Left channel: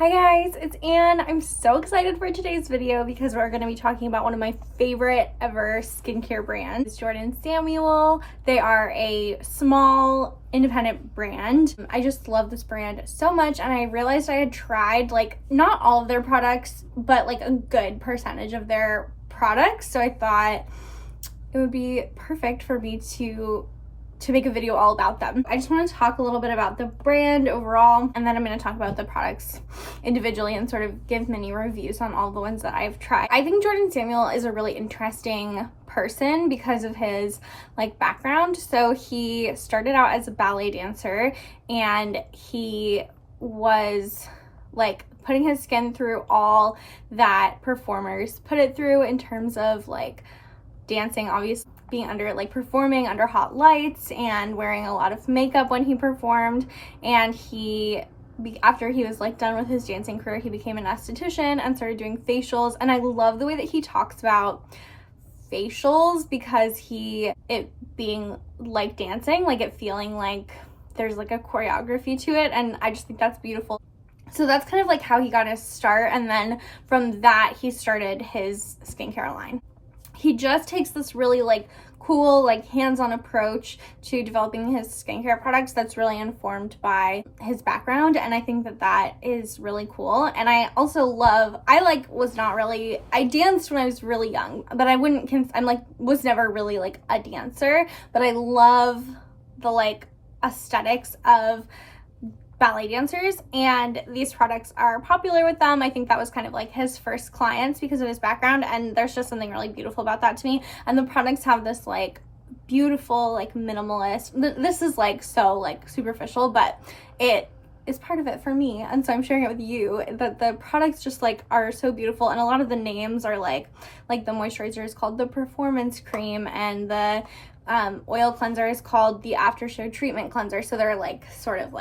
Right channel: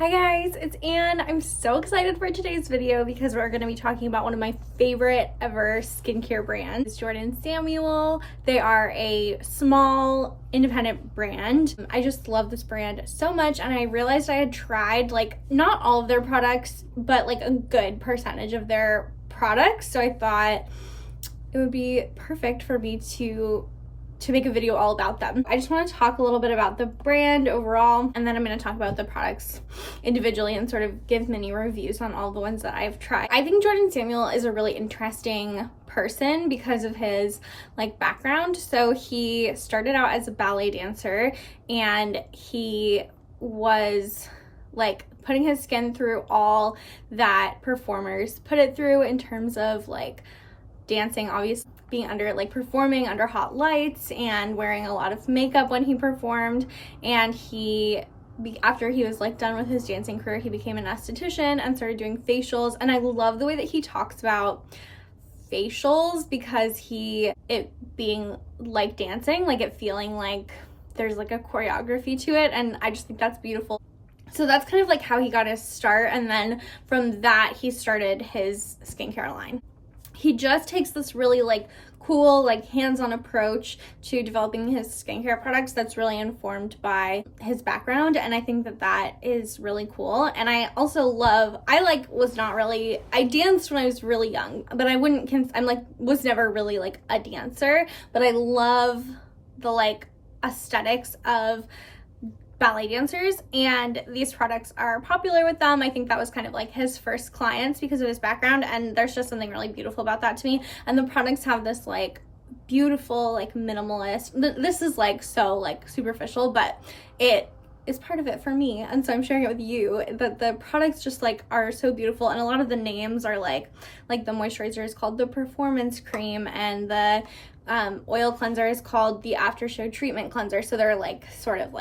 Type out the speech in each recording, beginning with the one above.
Hi guys, it's Anne. I'm so excited for today's video because we're going to be talking about one of my favorite ever skincare brands. It's Jordan Samuel. They are a small independent brand. I just love this brand so much, and I realized I had tried not all of their products, but a good percentage of their products. So I thought it would be perfect for me to make a video all about them. I just want to talk a little bit about the brand overall, and then I'm going to talk about the products individually and sort of give mini reviews on all the ones that I've tried. I think Jordan Samuel is a really interesting person because of his background. So he started out as a ballet dancer, and he was putting his skin through all that performers put it through in terms of dancing, obviously being under performing under hot lights and wearing a lot of makeup when he performed. And after he was done with his dancing career, he became an esthetician and started doing facials. And I love the way that he talks about facials because it being like dancing, it feeling like there's a choreography to it, and I just think that's beautiful. So that's kind of how he got his start, and then from that he started his skincare line. He just takes this really cool hands-on approach to developing his skincare products that's really informed by his background, and I think that is really cool. And I also love, I danced when I was really young, but I was never really a dancer, but I love the aesthetics of ballet dancers, and these products are popular with them. I think that was kind of his first clients because of his background, and there's just something really beautiful about that to me. And the products have this beautiful minimalist, this is so superficial, but it is part of it for me, and so I'm sharing it with you, that the products just are so beautiful. And a lot of the names are like the moisturizer is called the Performance Cream, and the oil cleanser is called the After Show Treatment Cleanser. So they're sort of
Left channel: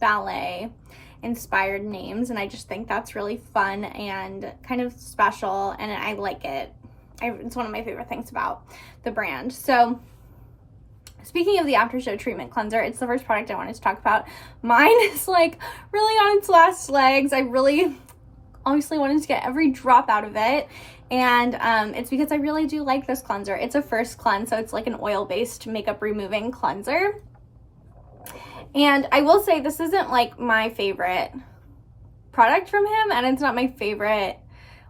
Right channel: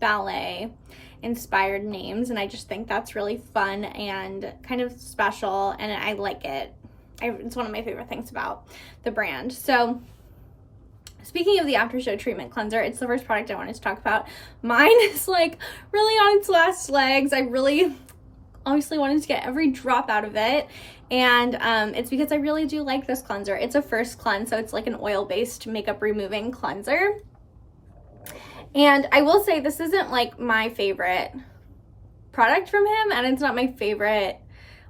ballet inspired names, and I just think that's really fun and kind of special, and I like it. It's one of my favorite things about the brand. So speaking of the After Show Treatment Cleanser, it's the first product I wanted to talk about. Mine is really on its last legs. I really obviously wanted to get every drop out of it, and it's because I really do like this cleanser. It's a first cleanse, so it's an oil-based makeup removing cleanser. And I will say this isn't my favorite product from him, and it's not my favorite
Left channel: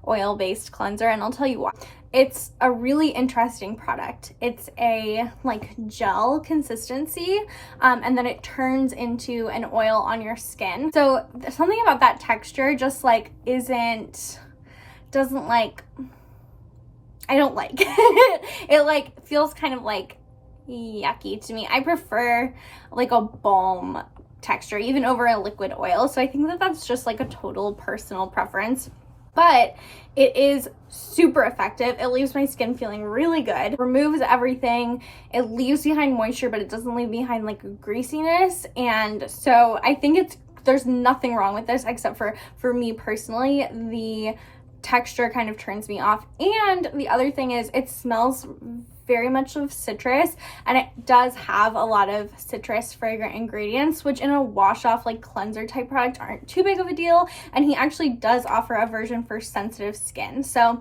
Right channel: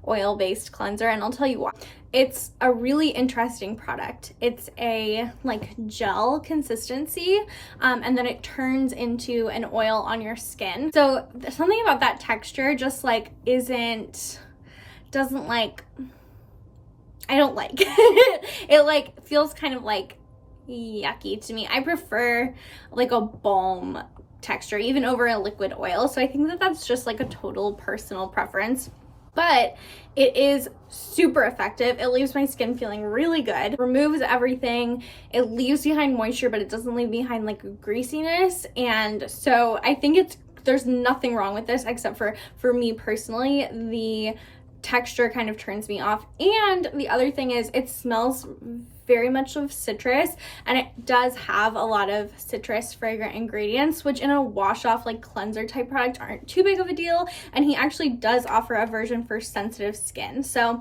oil-based cleanser, and I'll tell you why. It's a really interesting product. It's a gel consistency, and then it turns into an oil on your skin. So something about that texture just I don't like it feels kind of yucky to me. I prefer a balm texture even over a liquid oil, so I think that's just a total personal preference, but it is super effective. It leaves my skin feeling really good, removes everything, it leaves behind moisture, but it doesn't leave behind greasiness. And so I think there's nothing wrong with this, except for me personally, the texture kind of turns me off. And the other thing is it smells very much of citrus, and it does have a lot of citrus fragrant ingredients, which in a wash off cleanser type product aren't too big of a deal. And he actually does offer a version for sensitive skin. So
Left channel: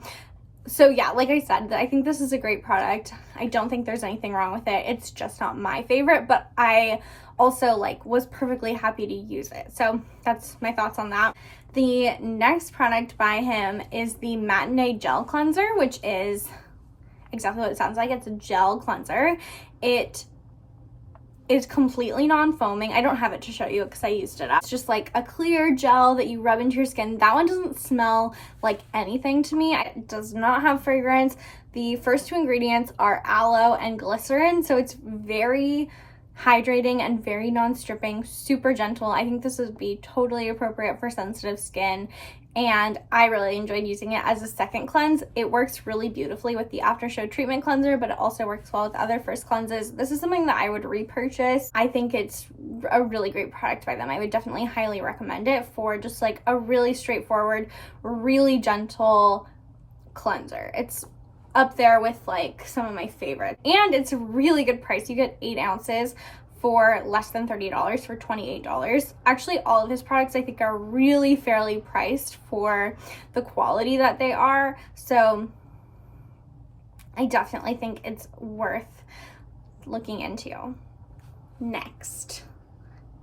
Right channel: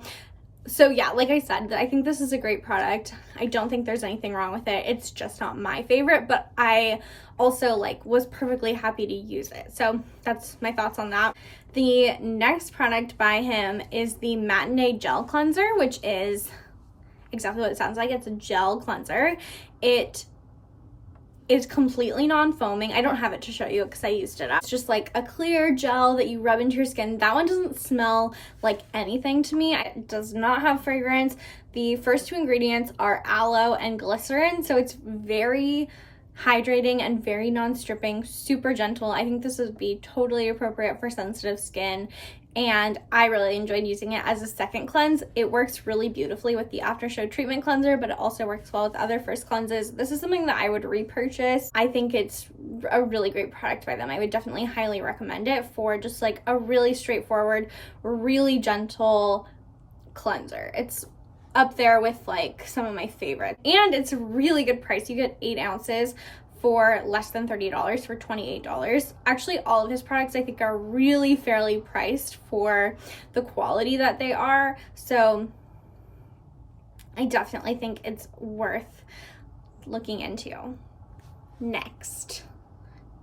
yeah, like I said, I think this is a great product. I don't think there's anything wrong with it. It's just not my favorite, but I also was perfectly happy to use it. So that's my thoughts on that. The next product by him is the Matinee Gel Cleanser, which is exactly what it sounds like. It's a gel cleanser. It is completely non-foaming. I don't have it to show you because I used it up. It's just a clear gel that you rub into your skin. That one doesn't smell like anything to me. It does not have fragrance. The first two ingredients are aloe and glycerin, so it's very hydrating and very non-stripping, super gentle. I think this would be totally appropriate for sensitive skin, and I really enjoyed using it as a second cleanse. It works really beautifully with the After Show Treatment Cleanser, but it also works well with other first cleanses. This is something that I would repurchase. I think it's a really great product by them. I would definitely highly recommend it for just a really straightforward, really gentle cleanser. It's up there with some of my favorites, and it's a really good price. You get 8 ounces for less than $30 for $28. Actually, all of his products I think are really fairly priced for the quality that they are. So I definitely think it's worth looking into. Next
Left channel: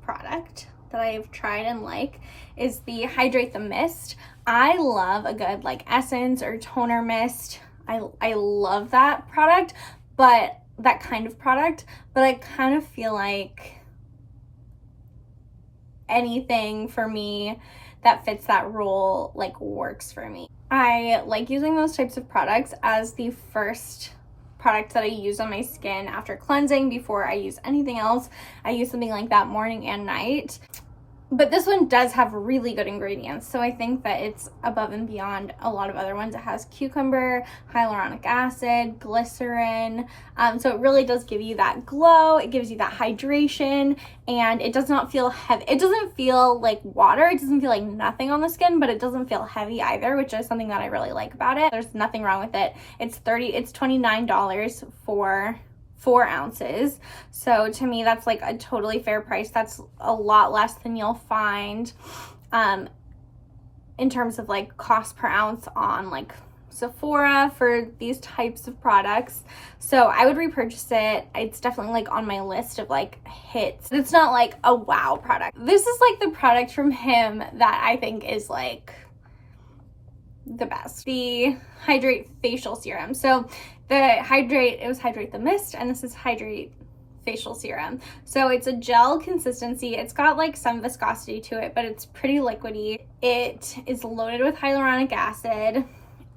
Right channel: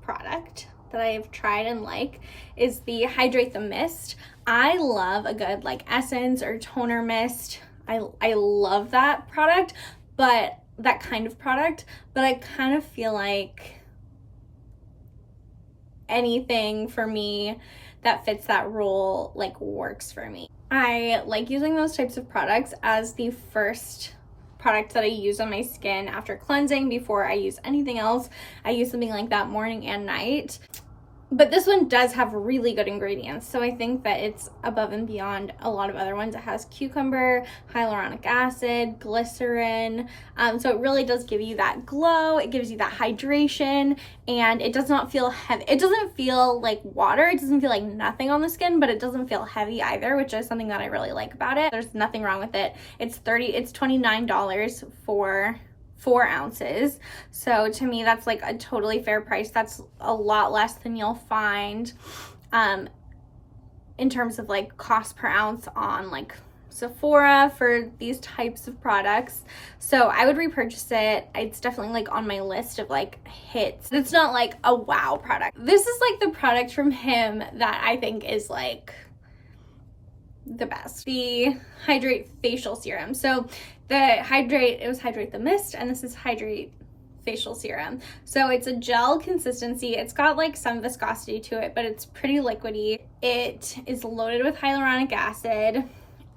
product that I've tried and like is the Hydrate the Mist. I love a good like essence or toner mist. I love that product, but that kind of product, but I kind of feel like anything for me that fits that role like works for me. I like using those types of products as the first product that I use on my skin after cleansing before I use anything else. I use something like that morning and night. But this one does have really good ingredients, so I think that it's above and beyond a lot of other ones. It has cucumber, hyaluronic acid, glycerin, so it really does give you that glow. It gives you that hydration, and it does not feel heavy. It doesn't feel like water. It doesn't feel like nothing on the skin, but it doesn't feel heavy either, which is something that I really like about it. There's nothing wrong with it. It's $29 for 4 ounces. So to me, that's like a totally fair price. That's a lot less than you'll find in terms of like cost per ounce on like Sephora for these types of products. So I would repurchase it. It's definitely like on my list of like hits. It's not like a wow product. This is like the product from him that I think is like the best. The Hydrate Facial Serum. So it was Hydrate the Mist, and this is Hydrate Facial Serum. So it's a gel consistency. It's got like some viscosity to it, but it's pretty liquidy. It is loaded with hyaluronic acid.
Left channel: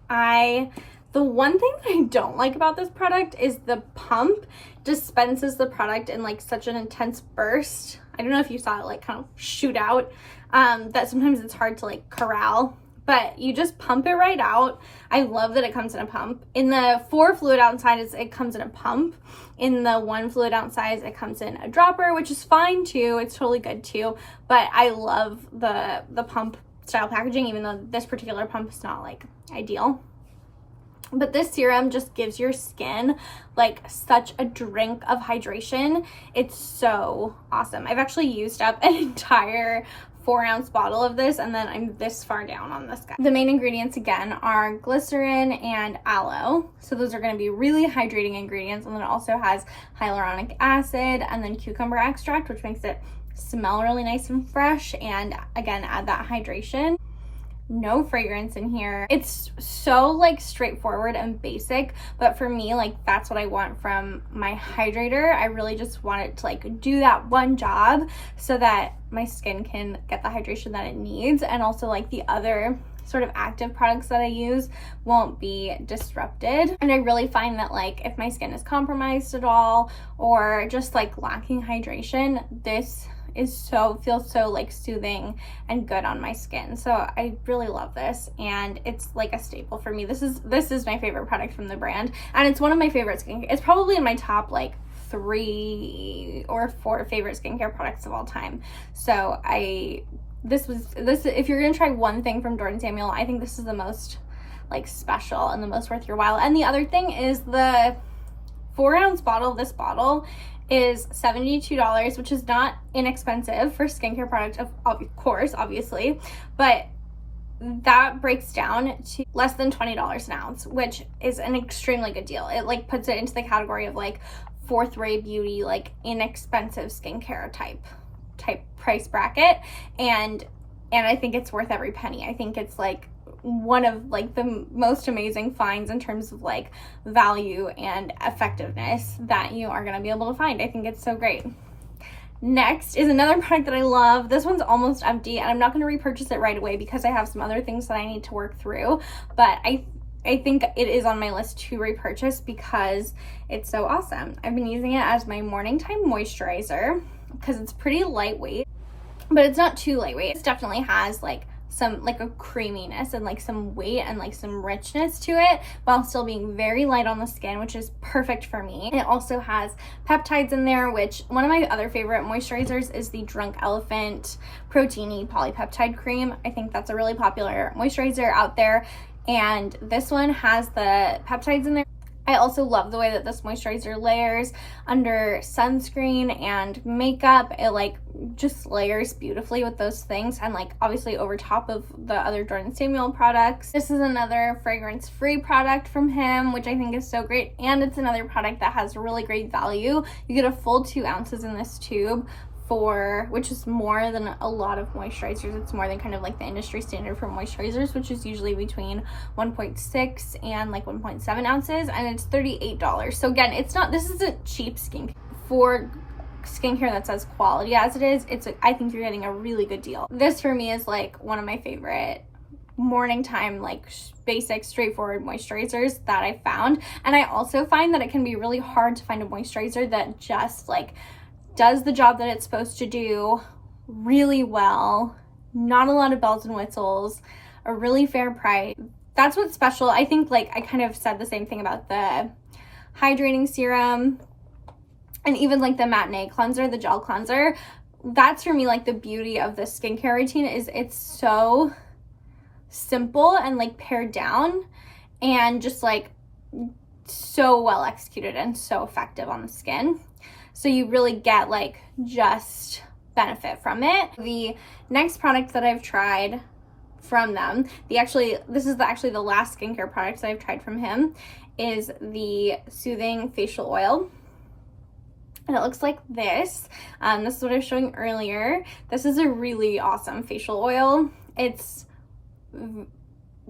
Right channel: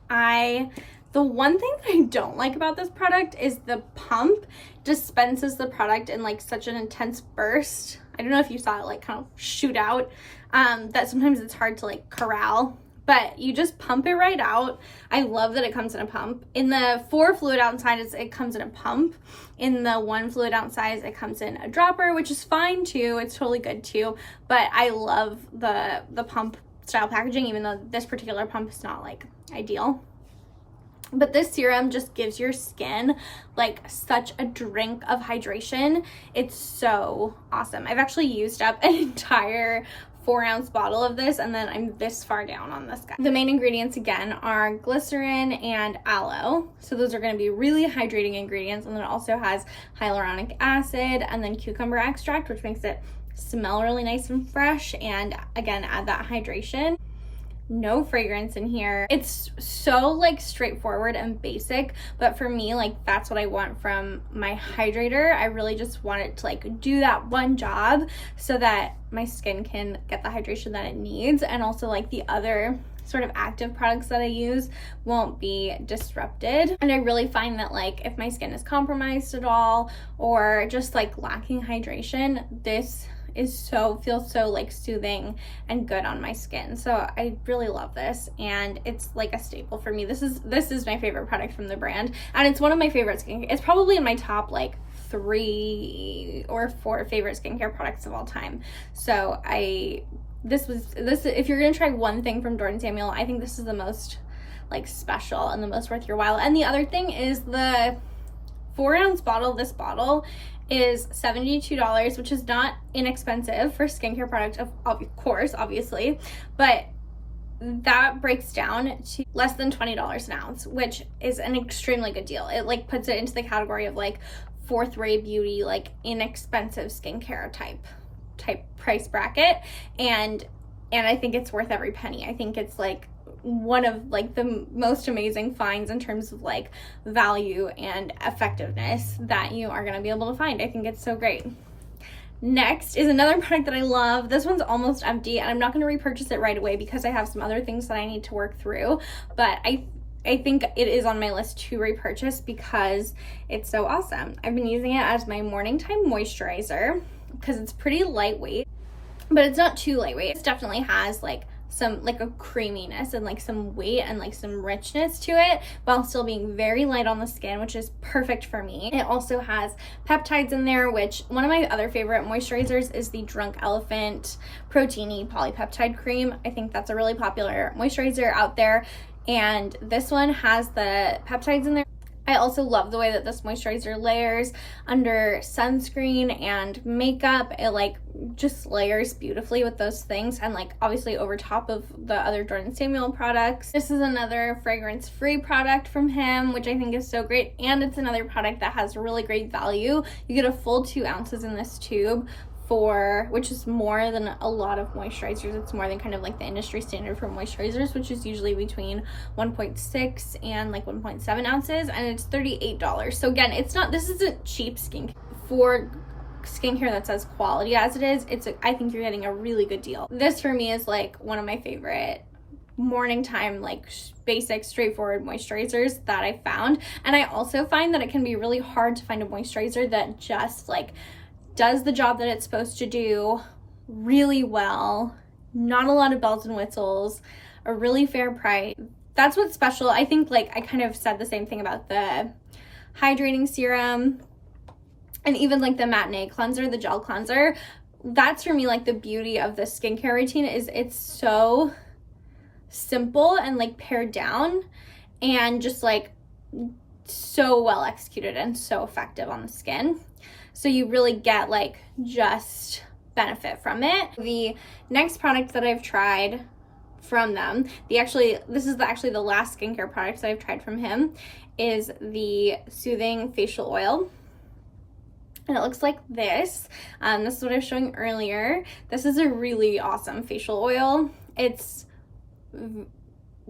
The one thing that I don't like about this product is the pump dispenses the product in like such an intense burst. I don't know if you saw it like kind of shoot out, that sometimes it's hard to like corral. But you just pump it right out. I love that it comes in a pump. In the 4 fluid ounce size, it comes in a pump. In the 1 fluid ounce size, it comes in a dropper, which is fine too. It's totally good too. But I love the pump style packaging, even though this particular pump is not like ideal. But this serum just gives your skin like such a drink of hydration. It's so awesome. I've actually used up an entire 4-ounce bottle of this, and then I'm this far down on this guy. The main ingredients again are glycerin and aloe, so those are going to be really hydrating ingredients. And then it also has hyaluronic acid and then cucumber extract, which makes it smell really nice and fresh, and again add that hydration. No fragrance in here. It's so like straightforward and basic, but for me, like that's what I want from my hydrator. I really just want it to like do that one job so that my skin can get the hydration that it needs, and also like the other sort of active products that I use won't be disrupted. And I really find that like if my skin is compromised at all or just like lacking hydration, this feels so like soothing and good on my skin. So I really love this, and it's like a staple for me. This is my favorite product from the brand, and it's one of my favorite skincare. It's probably in my top like 3 or 4 favorite skincare products of all time. So if you're gonna try one thing from Jordan Samuel, I think this is the most like special and the most worth your while. And the other thing is the 4-ounce bottle. This bottle is $72, which is not inexpensive for skincare product, of course, obviously, but that breaks down to less than $20 an ounce, which is an extremely good deal. It like puts it into the category of like 4th-rate beauty, like inexpensive skincare type price bracket, and I think it's worth every penny. I think it's like one of like the most amazing finds in terms of like value and effectiveness that you are going to be able to find. I think it's so great. Next is another product that I love. This one's almost empty, and I'm not going to repurchase it right away because I have some other things that I need to work through, but I think it is on my list to repurchase because it's so awesome. I've been using it as my morning time moisturizer because it's pretty lightweight, but it's not too lightweight. It definitely has like some like a creaminess and like some weight and like some richness to it while still being very light on the skin, which is perfect for me. It also has peptides in there, which one of my other favorite moisturizers is the Drunk Elephant Protein-y Polypeptide Cream. I think that's a really popular moisturizer out there, and this one has the peptides in there. I also love the way that this moisturizer layers under sunscreen and makeup. It like just layers beautifully with those things, and like obviously over top of the other Jordan Samuel products. This is another fragrance-free product from him, which I think is so great, and it's another product that has really great value. You get a full 2 ounces in this tube, which is more than a lot of moisturizers. It's more than kind of like the industry standard for moisturizers, which is usually between 1.6 and like 1.7 ounces, and it's $38. So again, this isn't cheap skincare. For skincare that's as quality as it is, I think you're getting a really good deal. This for me is like one of my favorite morning time, like basic straightforward moisturizers that I found. And I also find that it can be really hard to find a moisturizer that just like does the job that it's supposed to do really well, not a lot of bells and whistles, a really fair price. That's what's special. I think like I kind of said the same thing about the hydrating serum and even like the matinee cleanser, the gel cleanser. That's for me like the beauty of the skincare routine, is it's so simple and like pared down and just like so well executed and so effective on the skin. So you really get like just benefit from it. The next product that I've tried from them, this is actually the last skincare product that I've tried from him, is the Soothing Facial Oil. And it looks like this. This is what I was showing earlier. This is a really awesome facial oil. It's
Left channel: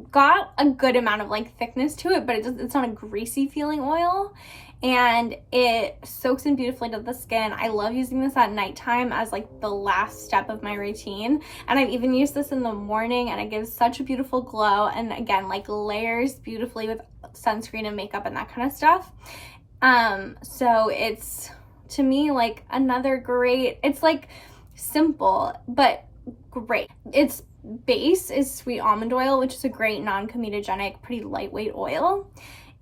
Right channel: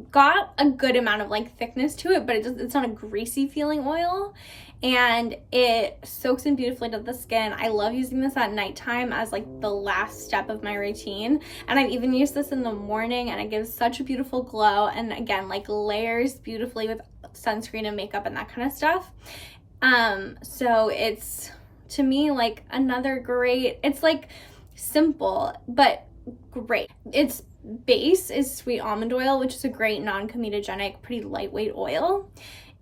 got a good amount of like thickness to it, but it's not a greasy feeling oil, and it soaks in beautifully to the skin. I love using this at nighttime as like the last step of my routine, and I've even used this in the morning, and it gives such a beautiful glow, and again like layers beautifully with sunscreen and makeup and that kind of stuff. So it's, to me, like another great, it's like simple but great. Its base is sweet almond oil, which is a great non-comedogenic, pretty lightweight oil.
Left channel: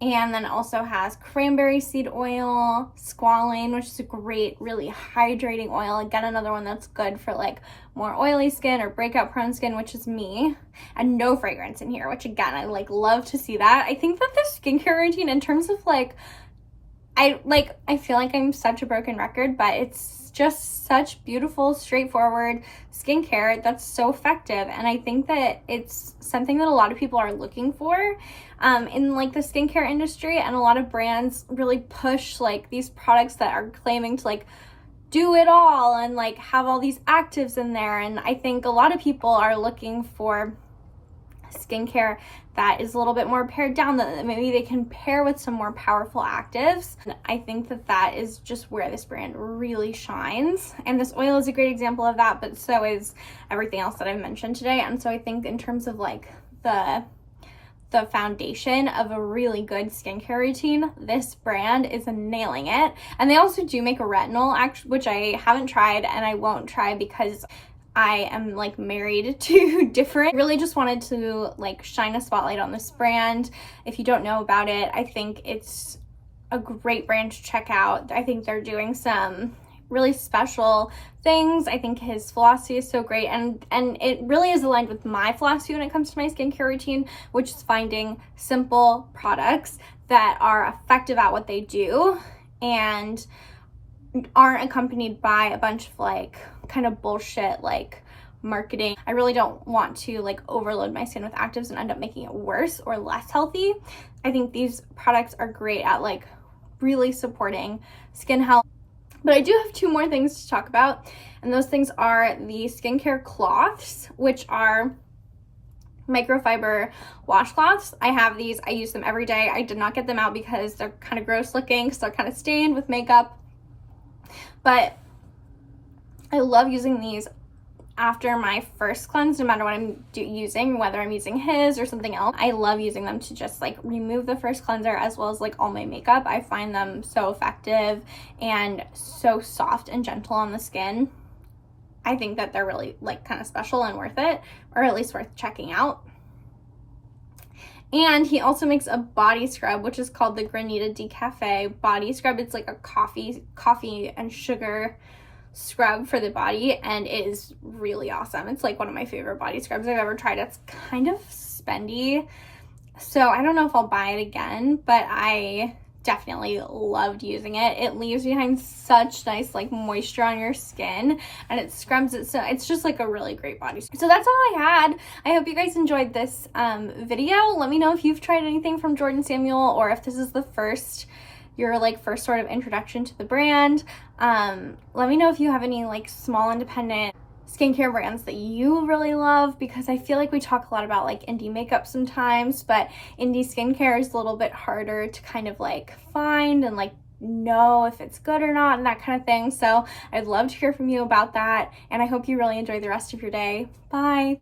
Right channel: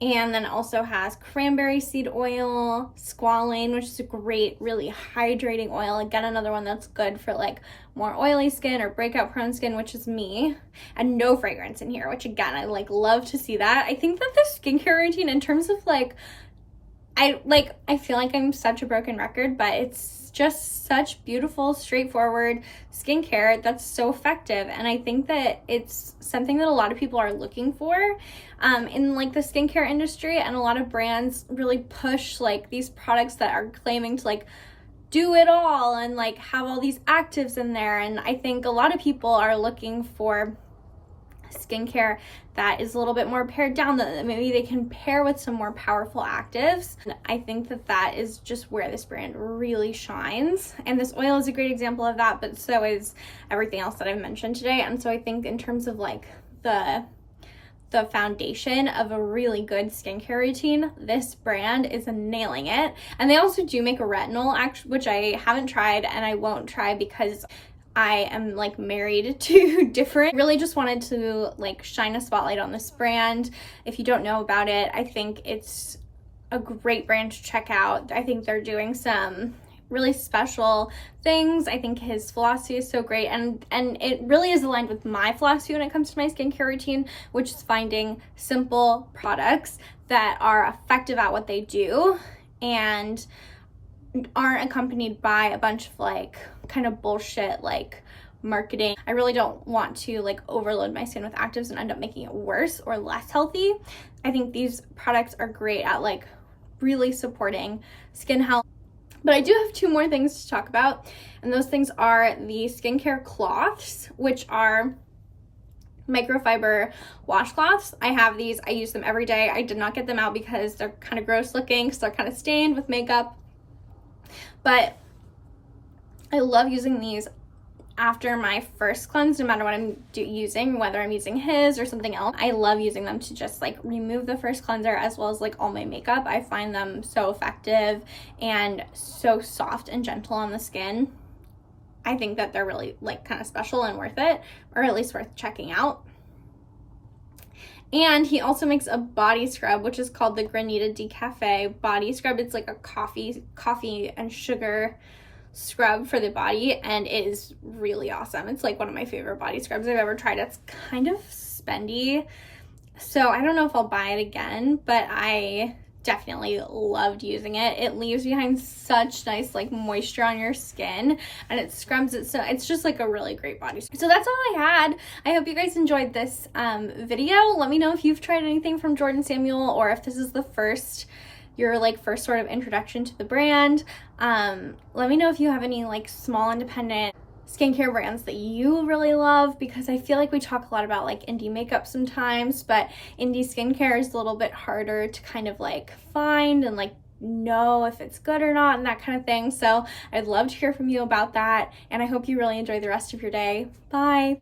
And then it also has cranberry seed oil, squalane, which is a great, really hydrating oil. Again, another one that's good for like more oily skin or breakout prone skin, which is me. And no fragrance in here, which again, I like love to see that. I think that the skincare routine, in terms of like, I feel like I'm such a broken record, but it's just such beautiful, straightforward skincare that's so effective. And I think that it's something that a lot of people are looking for in like the skincare industry, and a lot of brands really push like these products that are claiming to like do it all and like have all these actives in there. And I think a lot of people are looking for skincare that is a little bit more pared down, that maybe they can pair with some more powerful actives. And I think that that is just where this brand really shines, and this oil is a great example of that, but so is everything else that I've mentioned today. And so I think in terms of like the foundation of a really good skincare routine, this brand is nailing it. And they also do make a retinol, which I haven't tried and I won't try because I am like married to different. Really just wanted to like shine a spotlight on this brand. If you don't know about it, I think it's a great brand to check out. I think they're doing some really special things. I think his philosophy is so great, and it really is aligned with my philosophy when it comes to my skincare routine, which is finding simple products that are effective at what they do and aren't accompanied by a bunch of like kind of bullshit like marketing. I really don't want to like overload my skin with actives and end up making it worse or less healthy. I think these products are great at like really supporting skin health. But I do have 2 more things to talk about, and those things are the skincare cloths, which are microfiber washcloths. I have these, I use them every day. I did not get them out because they're kind of gross looking, because they're kind of stained with makeup. But I love using these after my first cleanse, no matter what I'm using, whether I'm using his or something else. I love using them to just like remove the first cleanser as well as like all my makeup. I find them so effective and so soft and gentle on the skin. I think that they're really like kind of special and worth it, or at least worth checking out. And he also makes a body scrub, which is called the Granita Decafe body scrub. It's like a coffee and sugar scrub for the body, and it is really awesome. It's like one of my favorite body scrubs I've ever tried. It's kind of spendy, so I don't know if I'll buy it again, but I definitely loved using it. It leaves behind such nice like moisture on your skin, and it scrubs it, so it's just like a really great body. So that's all I had. I hope you guys enjoyed this video. Let me know if you've tried anything from Jordan Samuel, or if this is the first sort of introduction to the brand. Let me know if you have any like small independent skincare brands that you really love, because I feel like we talk a lot about like indie makeup sometimes, but indie skincare is a little bit harder to kind of like find and like know if it's good or not and that kind of thing. So I'd love to hear from you about that, and I hope you really enjoy the rest of your day. Bye.